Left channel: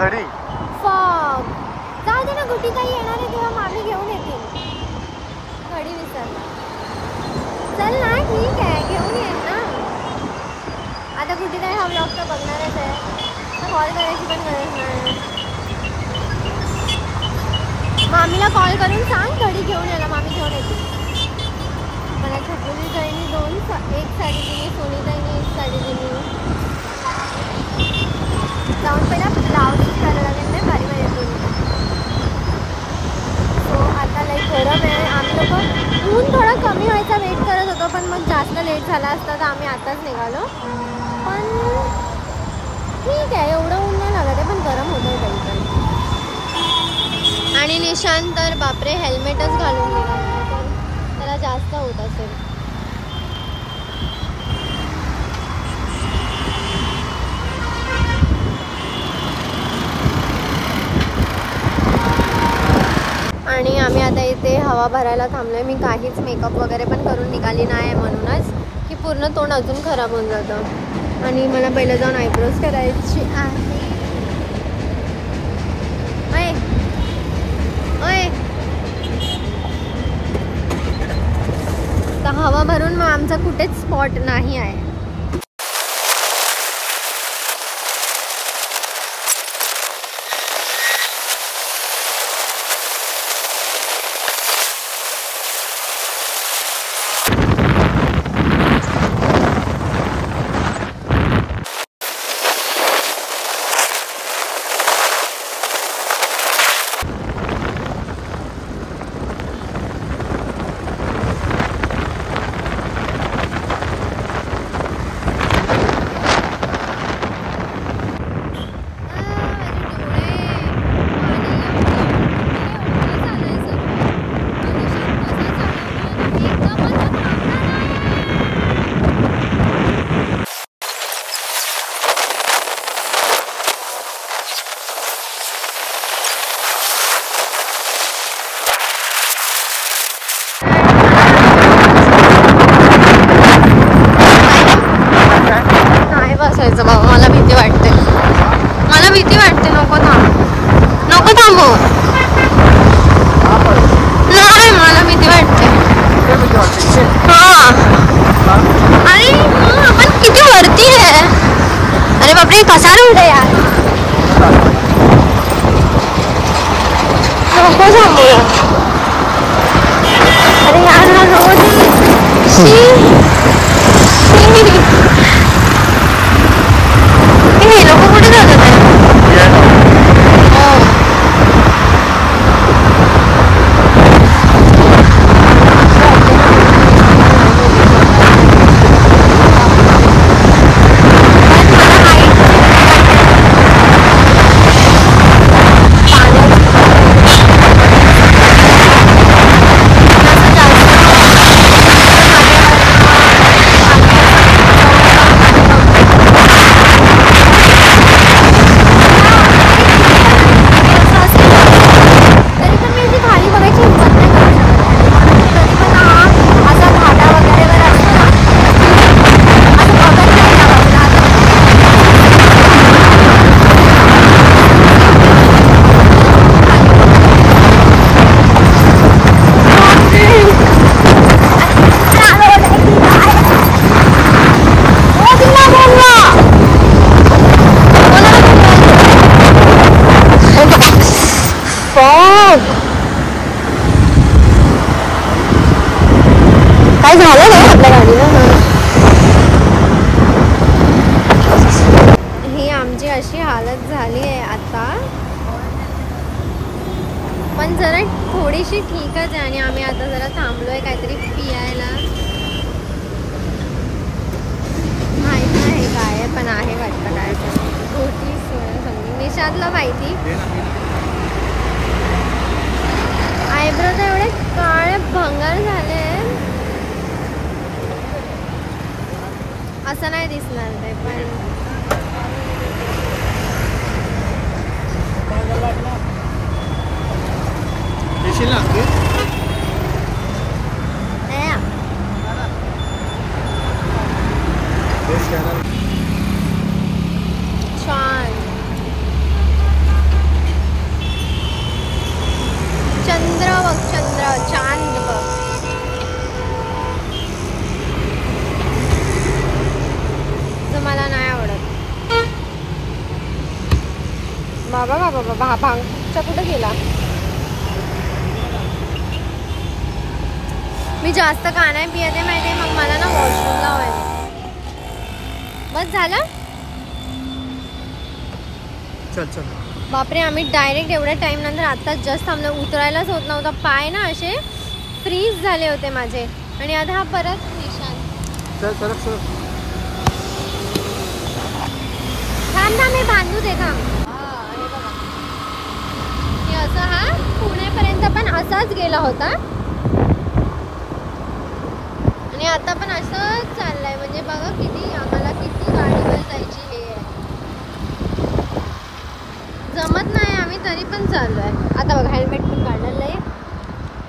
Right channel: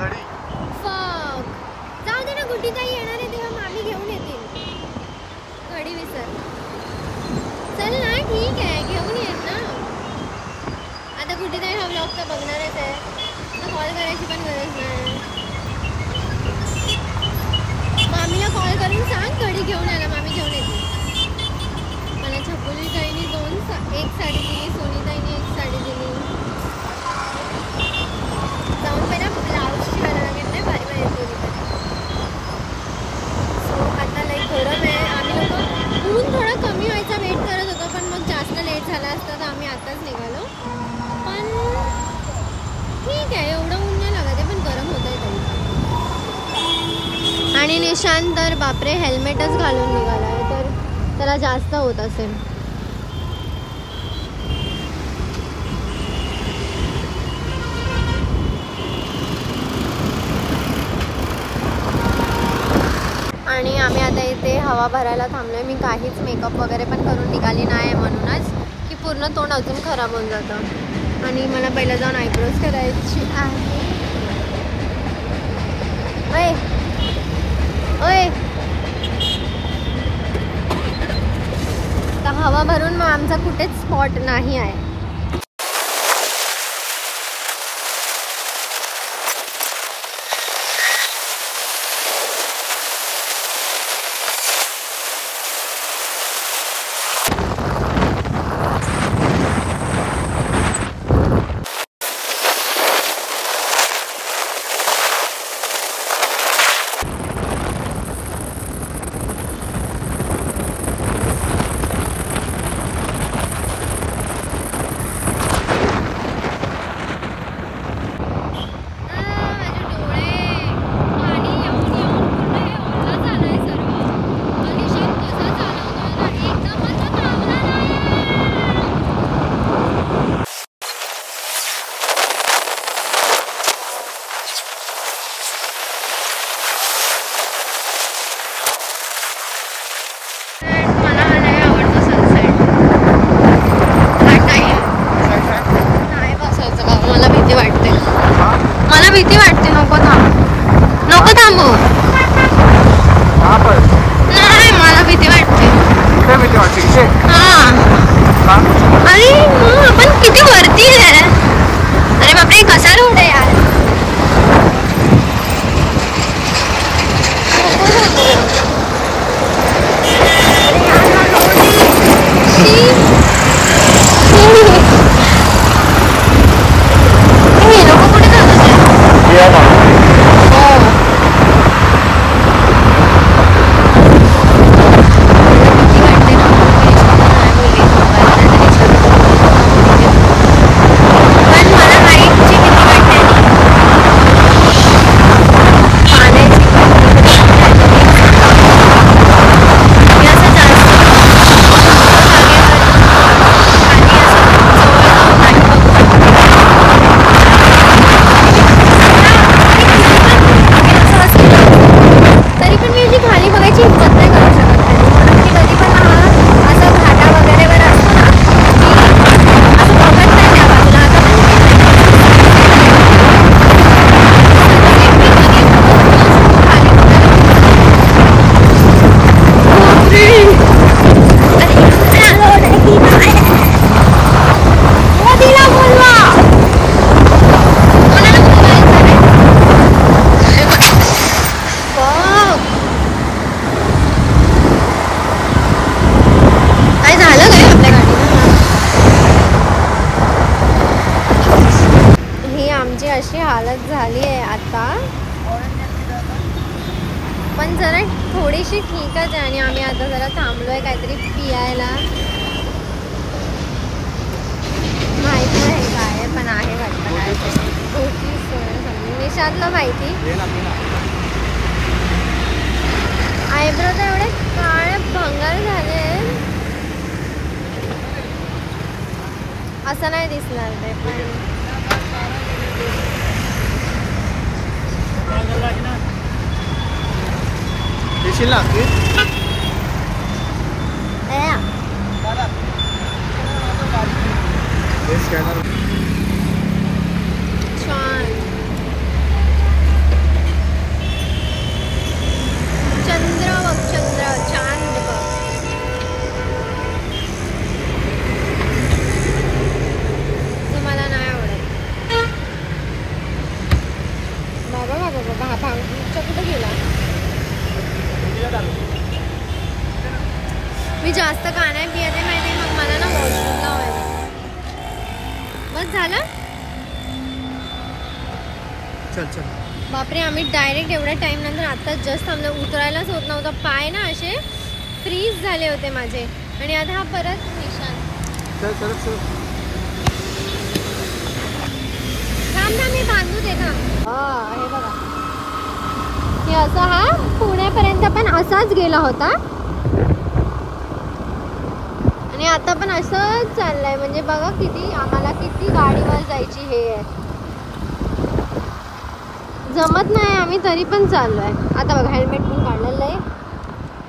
घडी फॉग जाऊ दे ना, गुड्डी ताई येणार आहे तेव्हा मामी घेऊन येतील. घडी विसरला. चल ना, ठीक आहे, घेऊन येईल ना. आता गुड्डी ताई हा ब्लॉग तर बघणारच आहे, तर कॉल करायची पण गरज नाही. मामीला कॉल करून सांग घडी घेऊन यायला, मामी घेऊन येते. मला छकुली ताईने एक साडी दिली, सोनी ताईने एक साडी दिली. जाऊन पहिला ब्लाऊज शिवायला लागेल नाही, भारी भारी दोन्ही पण. सो आता लाईक गरम आहे. आम्ही लोक ऊन थोडं कमी व्हायचा वेट करत होतो, पण मग जास्त लेट झाला असता तर आम्ही आताच निघालो. पण ठीक आहे, एवढं ऊन नाही लागत आहे, पण गरम होत आहे तरी पण. आणि निशांत तर बापरे हेल्मेटच घालून निघाला, तर त्याला जास्त होत असेल. आणि आम्ही आता इथे हवा भरायला थांबलोय. मी काहीच मेकअप वगैरे पण करून निघाली नाही म्हणूनच की पूर्ण तोंड अजून खराब होऊन जातं. आणि मला पहिलं जाऊन आयब्रोज करायची आहे. ओय ओय, तर हवा भरून मग आमचा कुठेच स्पॉट नाही आहे. मला भीती वाटते. नको थांबू. नाही, मला भीती वाटते. हा, अरे आपण किती वरती आहे. अरे बापरे, कसा उलट यार. लोक कुठे जात होते? हो, अशी हालत झाली आहे आता. पण जरा थोडीशी ठीकच आहे. आणि आम्ही आता जरा थांबलोय काहीतरी पियायला. माहित नाही काय पण आहे वाटतं काय गोष्टी समजून. निशांतला माहिती. आयब्रो तर एवढे काळे भंगार झाले, असं नाही दिसणार ते. पण छान. भांगचा कुठे गेला? मी जास्त का नाही पियते माहिती, मग मला ना वॉशरूमला व्हायला. बस झालं. चल चल. बापरे, आम्ही डायरेक्ट एवढ्या टाइम नंतर आता जस्ट थांबलो. उतरायलाच होत नव्हता, पाय ना असे फ्रीज झाले होते माझे. आणि आता हा परत निशान. चल चल चल. थांब ना, मी बांधू दे थांब. की असा हा पुण्यापर्यंत पण असाच गेला होता आणि आता पण असंच चाललंय. म्हणजे बघा किती आम्हाला किती गाडीवर जायची हे जमत नाही, आम्ही तरी पण चाललोय. आता बघा हेल्मेट पण काढलं.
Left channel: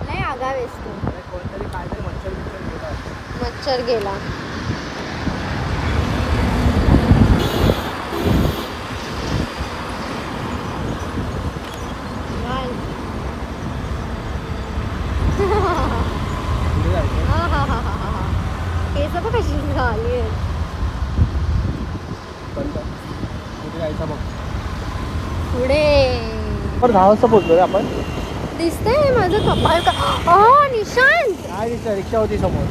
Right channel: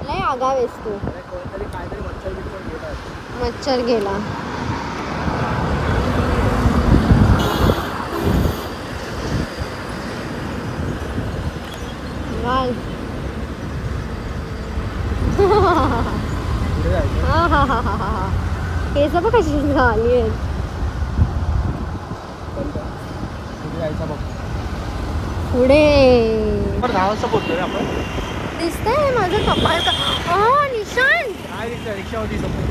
लय आगावेस तू. मच्छर गेला. केस बघ कशी झाली आहेत. पुढे बोलतोय आपण. दिसतंय माझं कपाळ का? निशान रिक्षा होती समोर.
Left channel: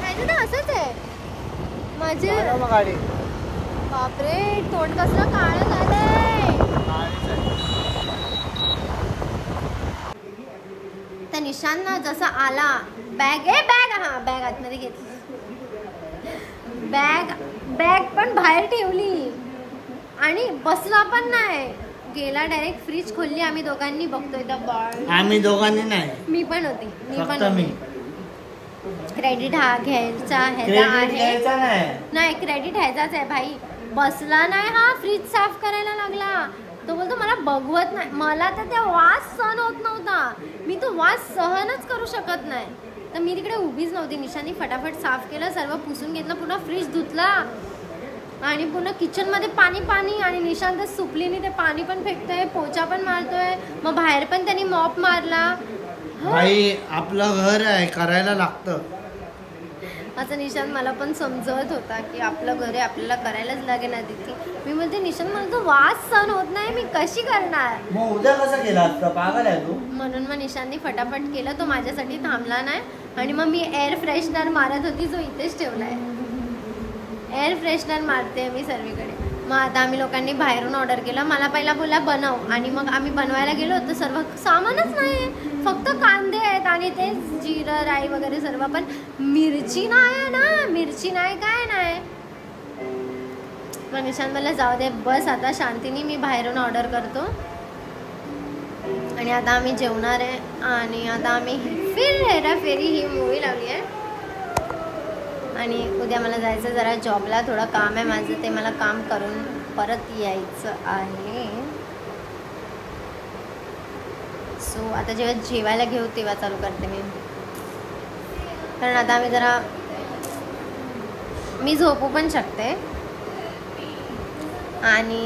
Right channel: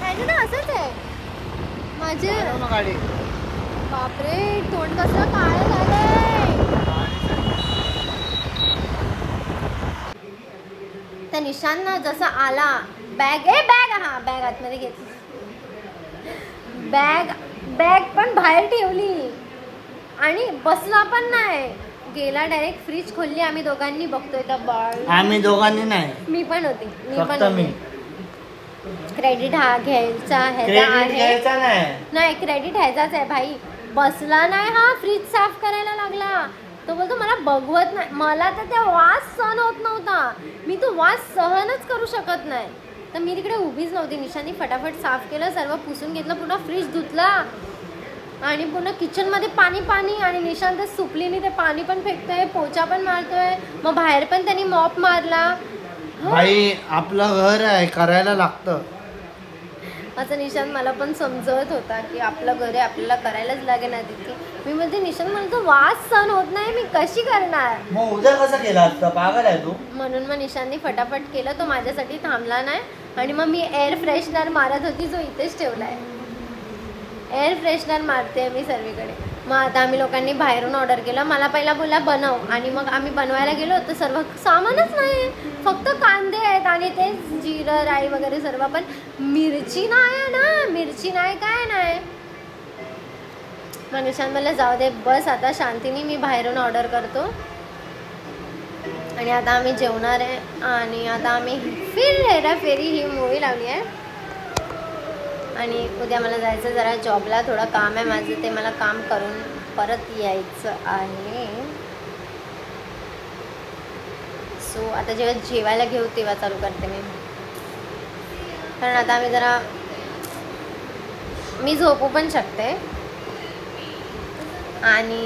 माझं ना असंच आहे माझे. बापरे, तोंड कसं काळं झालंय. त्या निशान ना जसा आला, बॅग हा बॅग आतमध्ये घेतली. बॅग पण बाहेर ठेवली आणि बसला पण नाही. गेला डायरेक्ट फ्रीज खोलली. आम्ही दोघांनी बघतोय तर बाळ. आम्ही दोघांनी नाही, मी पण होती. क्रेडिट हा घ्यायचा ह्याचा आहे. नाही, क्रेडिट ह्याचाच आहे भाई. बसला नाही हा, फ्रीज साफ करायला लागला. तो बोलतो मला बघवत नाही. मला तर त्या वास सहन होत नव्हता. मी तो वास सहनच करू शकत नाही. तर मी तिकडे उभीच नव्हती. निशांनी फटाफट साफ केलं, सर्व पुसून घेतलं, पुन्हा फ्रीज धुतला आणि पुन्हा किचन मध्ये पाणी. आणि निशांत सुपलीने ते पाणी पण फेकतोय, पोचा पण मारतोय. मग बाहेर पण त्यांनी मॉप मारला. भाई आपलं घर आहे, करायला लागतं असं निशांत मला पण समजवत होता की आपलं घर आहे, आपल्याला करायलाच लागेल ना तिथे. मी म्हणते निशांत मला तो वास सहन होत नाही, मी कशी करणार. मग उद्या कसं केलं असतं, पागल आहे तू. म्हणून मग निशांतनी फटाफट केलं. तो माझ्यासाठी थांबला नाही. आणि मग मी एअर फ्रेशनर मारत होती, जो इथेच ठेवलाय. एअर फ्रेशनर मारते मी सर्वीकडे. मग आता आम्ही लोकांनी बाहेरून ऑर्डर केलं. मला पहिला बोलला बनव, आणि मग आम्ही बनवायला गेलो तर सर्व सामानच नाही, फक्त कांदे आहेत आणि ते जिरं राई वगैरे सर्व. पण मिरची नाही ना, मिरची नाही, काय नाही. मग निशांत मला जाऊ दे, बस आता शांतीने, मी बाहेरून ऑर्डर करतो. आणि आता आम्ही जेवणार आहे. आणि आता आम्ही फिर हेराफेरी ही मूवी लावली आहे. आणि उद्या मला जायचं जरा जॉबला, थोडं काम आहे माझं, ते मला काम करून परत यायचं आहे. सो आता जेव्हा जेवायला घेऊ तेव्हा चालू करते मी. कारण आता आम्ही जरा, मी झोपू पण शकते आणि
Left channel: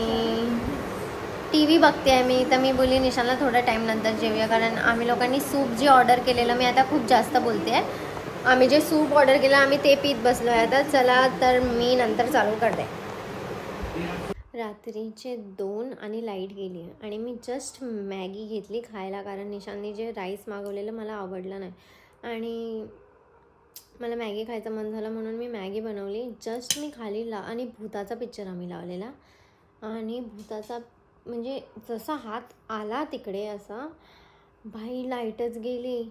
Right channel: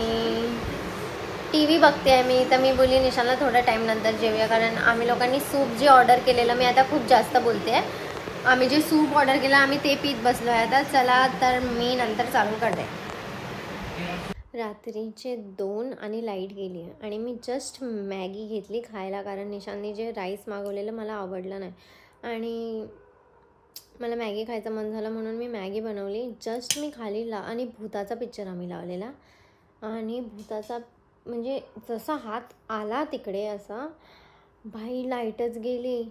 TV बघते आहे मी. तर मी बोलली निशाला थोडा टाईम नंतर जेवूया, कारण आम्ही लोकांनी सूप जे ऑर्डर केलेलं, मी आता खूप जास्त बोलते आहे, आम्ही जे सूप ऑर्डर केलं आम्ही ते पीत बसलो आहे आता. चला तर मी नंतर चालू करते. रात्रीचे 2 आणि लाईट गेली आणि मी जस्ट मॅगी घेतली खायला, कारण निशांनी जे राईस मागवलेलं मला आवडलं नाही आणि मला मॅगी खायचं मन झालं म्हणून मी मॅगी बनवली. जस्ट मी खाली आणि भूताचा पिक्चर आम्ही लावलेला. आणि भूताचा म्हणजे जसा हात आला तिकडे असा, भाई लाईटच गेली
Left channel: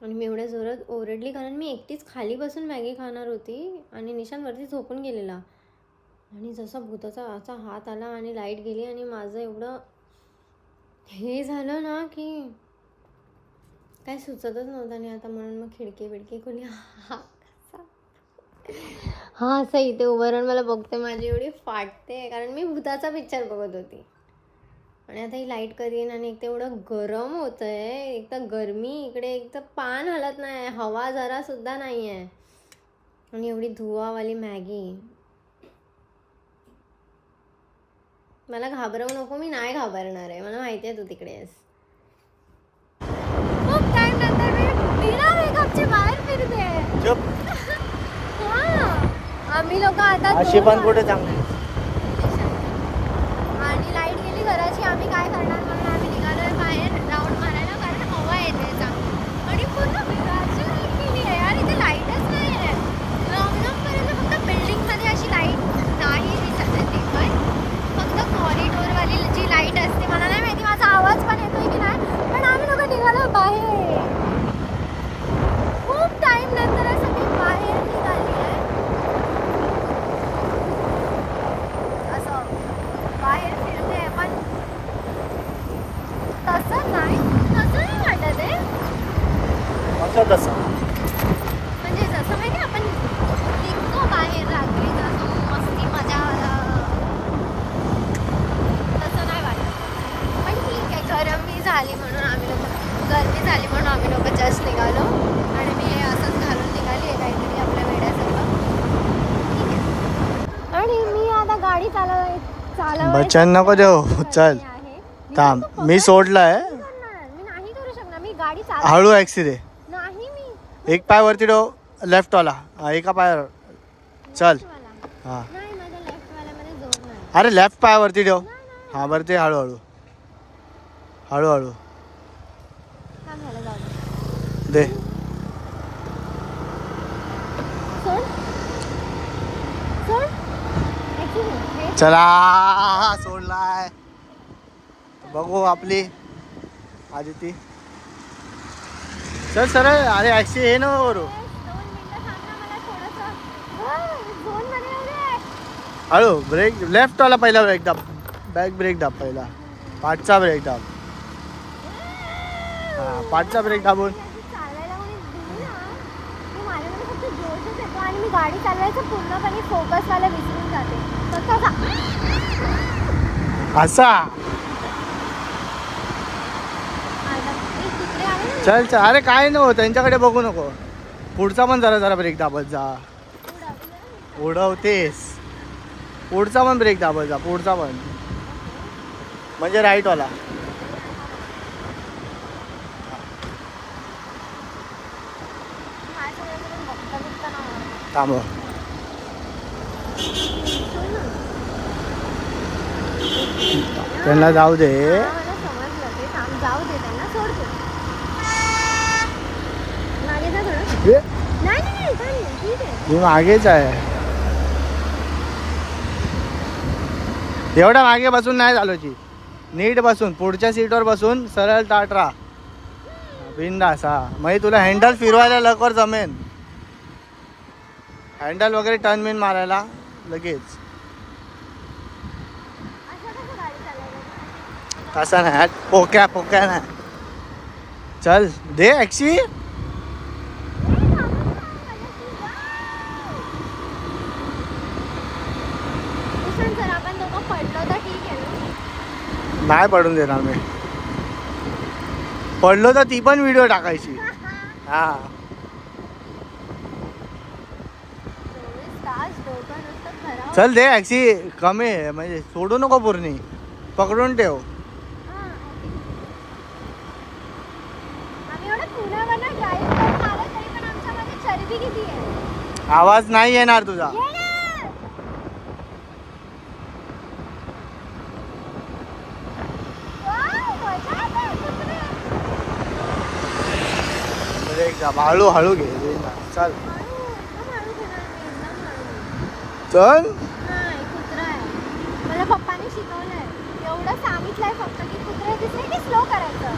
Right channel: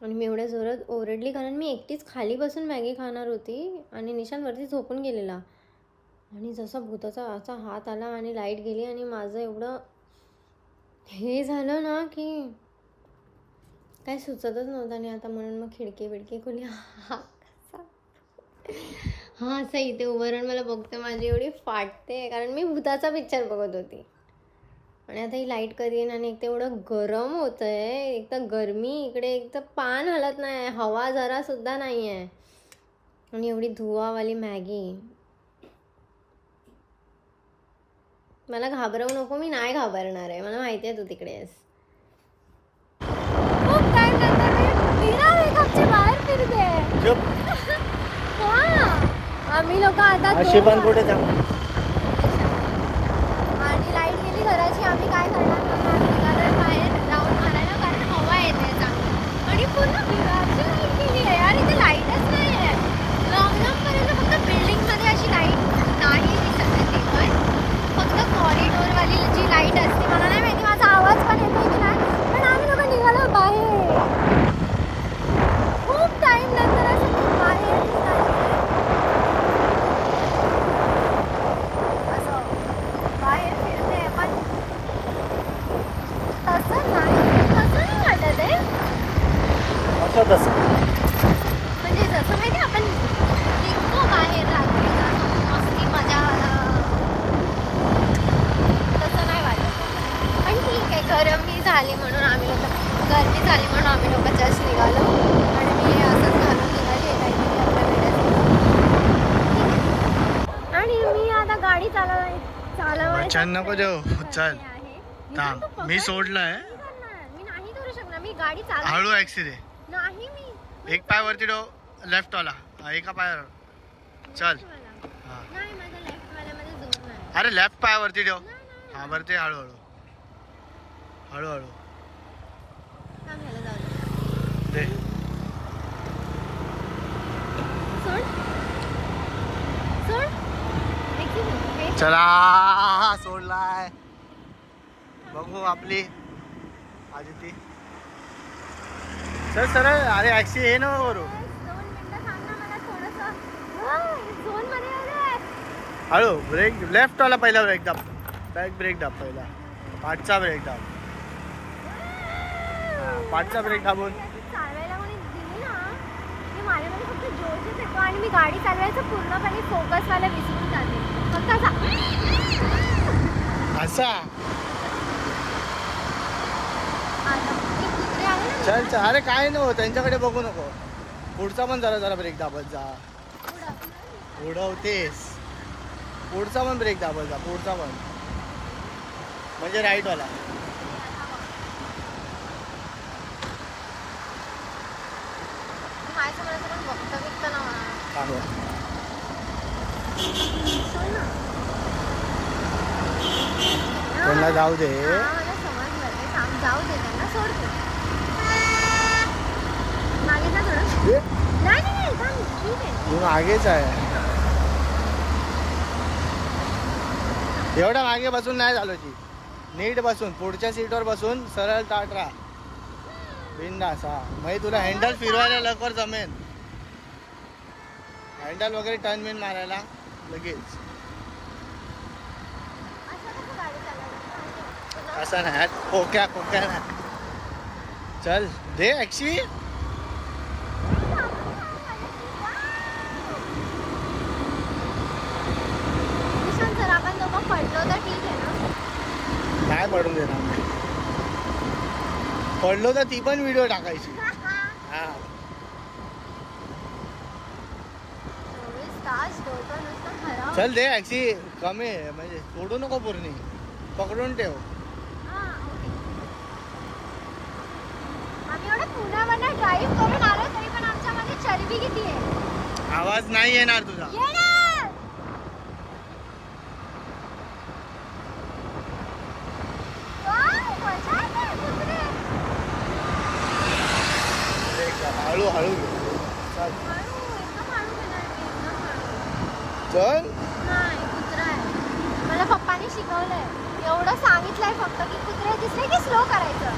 आणि मी एवढ्या जोरात ओरडली, कारण मी एकटीच खाली बसून मॅगी खाणार होती आणि निशांवरती झोपून गेलेला. आणि जसा भूताचा असा हात आला आणि लाईट गेली आणि माझं एवढं हे झालं ना की काय सुचतच नव्हतं. आणि आता म्हणून मग खिडकी बिडकी खोली. असं इथे उभं राहून मला बघते, माझी एवढी फाटते, कारण मी भूताचा पिक्चर बघत होती. आणि आता ही लाईट कधी येईन. आणि एक तर एवढं गरम होतं आहे, एक तर गरमी इकडे, एक तर पान हलत नाही, हवा जरासुद्धा नाही आहे, आणि एवढी धुवावाली मॅगी. मला घाबरवू नको, मी नाही घाबरणार आहे, मला माहिती आहे तू तिकडे आहेस. खूप टाइम नंतर मी बिना मेकअपचे बाहेर फिरते. आम्ही लोक आता अशी पण कुठे जा. आणि लाईट गेली घराची, आम्ही काय करणार. तसं. म्हणजे जसं माहिती आपण निघतो बाहेर रात्रीचा मस्ती मजा तसं नाही वाटत. पण ठीक आहे, गरमी झाली म्हणून आम्ही लोक जस्ट निघालो आणि मी असंच घालून निघाली काहीतरी आपल्या वेड्यासाठी. आणि मी आता गाडी चालव बच्चन नको देऊ. चल थांब, मी सोडलाय. मी नाही करू शकणार, मी गाडी चालव. हळू ऍक्सिडे. नाही मी एक पाय वरती ठेव, लेफ्ट वाला. एका पायावर चल. हा नाही, माझ्या लेफ्ट वाल्यामध्ये जोर नाही. अरे लेफ्ट पायावरती ठेव. हा बरं, ते हळूहळू हळूहळू थांब, ह्याला जाऊ दे. दे. सोड सोड. Excuse me. चला सोडलाय. बघू आपली आदिती. चल सर. अरे ऍक्सी हे न करू. 2 मिनिटं थांब ना, मला थोडंसं झोनमध्ये येऊ दे. हळू ब्रेक. लेफ्ट वाला पहिला ब्रेक दाब. बॅक ब्रेक दाब पहिला. पाठचा ब्रेक दाब. पाठचा ब्रेक दाबून चालवायला कोणी दिली ना, मी माझ्यामध्ये फक्त जोरच येतो आणि मी गाडी चालवायचं पूर्णपणे फोकसवाला विसरून जाते. फक्त असा. चल चल. अरे काय नको, त्यांच्याकडे बघू नको. पुढचा पण जरा ब्रेक दाबत जा. उडवतेस. पुढचा पण ब्रेक दाबत जा. पुढचा पण म्हणजे राईट वाला. थांब. त्यांना जाऊ दे. जाऊ दे, त्यांना सोडतो. मागे जा थोडं. नाही ठीक आहे. तू मागेच आहे. एवढा मागे बसून नाही चालवायची. नीट बसून पुढच्या सीटवर बसून सरळ ताट राहा. बिंदास. हा म्हणजे तुला हँडल फिरवायला लवकर जमेन. हँडल वगैरे टर्न बिन मारायला लगेच. तसा नाही, पोक्या नाही. चल दे ऍक्सी. आपण दोघं पडलो तर ठीक आहे ना. नाही पडून देणार मी. पडलो तर ती पण व्हिडिओ टाकायची. हा चल दे ऍक्सी. कमी आहे म्हणजे सोडू नको, पूर्ण पकडून ठेव. आम्ही एवढं पुण्यावरनं ड्राईव्ह करून आलो तरी पण आमच्यामध्ये चरबी किती आहे. आवाज नाही येणार तुझा. हळू हळू घे. चल चल. नाही, कुत्रा आहे. माझ्या पप्पांनी शिकवलंय, एवढं सांगितलंय फक्त की कुत्रे दिसले की स्लो करायचं.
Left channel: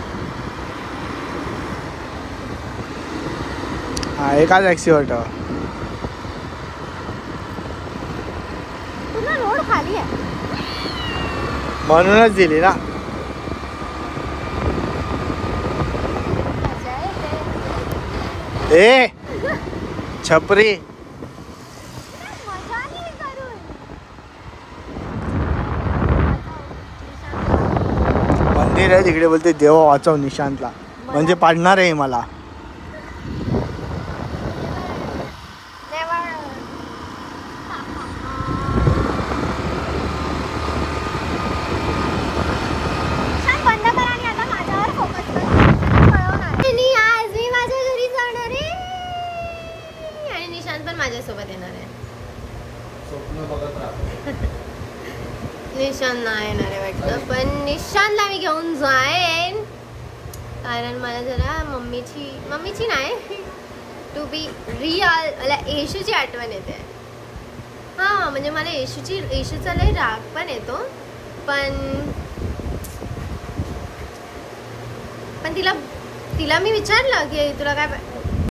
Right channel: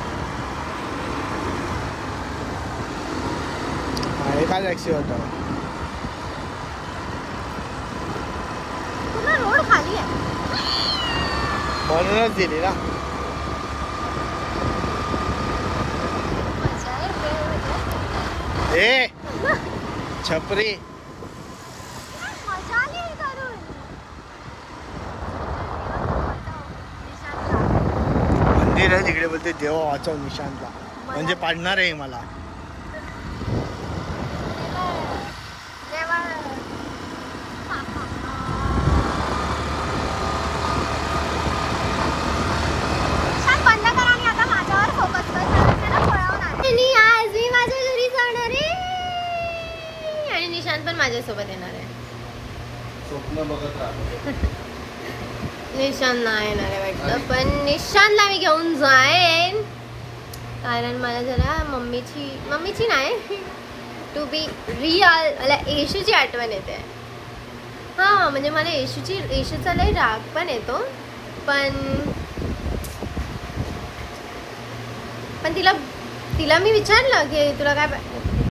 हा एकाच ऍक्सिवर ठेव. पूर्ण रोड खाली आहे म्हणूनच दिली ना. ए छपरी. मजा आली करून. मंदिर आहे तिकडे, बोलते देवा वाचव निशांतला. म्हणजे पाडणार आहे मला. बंद कर आणि आता माझ्यावर फोकस कर. आणि आज मी माझ्या घरी जाणार आहे आणि निशांत पण माझ्यासोबत येणार आहे. स्वप्न बघत राहा. निशांत नाही येणार आहे वाटतं, पण निशांतला मी घेऊन जाईन. कारण मला जरा मम्मीची नाही, टू बी रिअल मला येशूची आठवण येते. हां म्हणजे मला येशूचा लई राग पण येतो. पण तिला मी विचारलं की तुला काय